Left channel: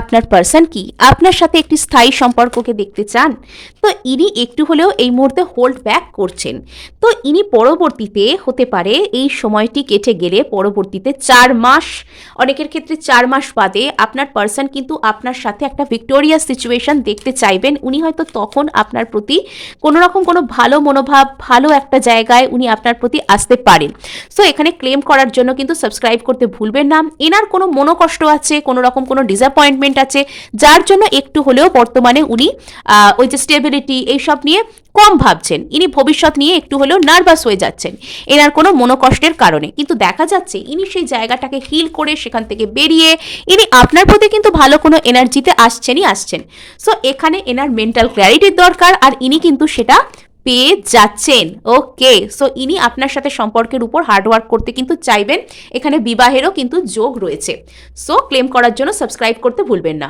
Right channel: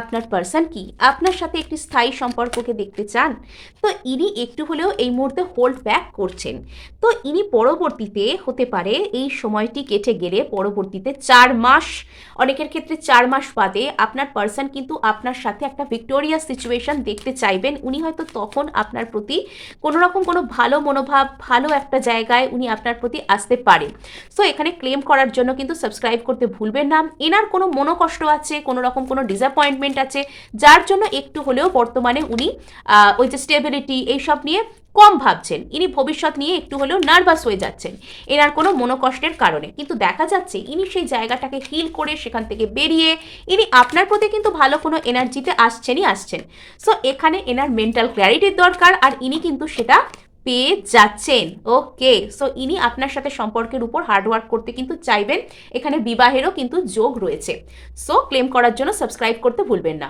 আপনার পার্সন কি আপনার সাথে একটি স্থায়ী সম্পর্ককে দেখতে চান? তো ইনি একটু হলেও এই মুহূর্তে হোল্ড ব্যাক করছেন। তো ইনি পরবর্তীতে হতে পারে এই সময়টি কেটে গেলে পরবর্তীতে 4 মাস, অনেকের ক্ষেত্রে 4 মাস বাদে আপনার পার্সন কিন্তু আপনার সাথে একটা ভিক্টোরিয়াস সিচুয়েশন দেখতে চাইবেন। উনি হয়তো তখন আপনার প্রতি কোনো রকম কোনো ভালো মনোভাব, ভালো একটা জায়গায় উনি আপনার প্রতি আসতে পারেন। সো এখানে ক্লেম করার জন্য কিন্তু সাবস্ক্রাইব করতে ভুলবেন না। এনার কোনো মনোকষ্ট আছে, কোনো রকম কোনো ডিসঅ্যাপয়েন্টমেন্ট আছে, যার জন্য একটু হলেও বর্তমানে উনি ওই যে স্টেবিলিটি এইসব নিয়ে কম ভাবছেন। ইনি ভবিষ্যৎ নিয়ে একটু হলেও নার্ভাস হয়ে যাচ্ছেন এনার কোনো মনোকষ্টের কারণে। কিন্তু দেখা যাচ্ছে ইনি সেই জায়গাটাকে হিল করে সেখান থেকে বেরিয়ে ইনি আপনার প্রতি কিন্তু ভালো কোনো এনার্জিতে আসছেন। সো এখানে এনার মেন্টাল ক্ল্যারিটির দরকার, আর ইনি কিন্তু সেটা পেয়ে যাচ্ছেন। ওকে, সো ইনি আপনার সাথে সম্পর্কের উপর হার্ডওয়ার্ক করতে কিন্তু চাইবেন। এখানে বিবাহেরও কিন্তু যোগ রয়েছে। সো ক্লেম করার জন্য সাবস্ক্রাইব করতে ভুলবেন না।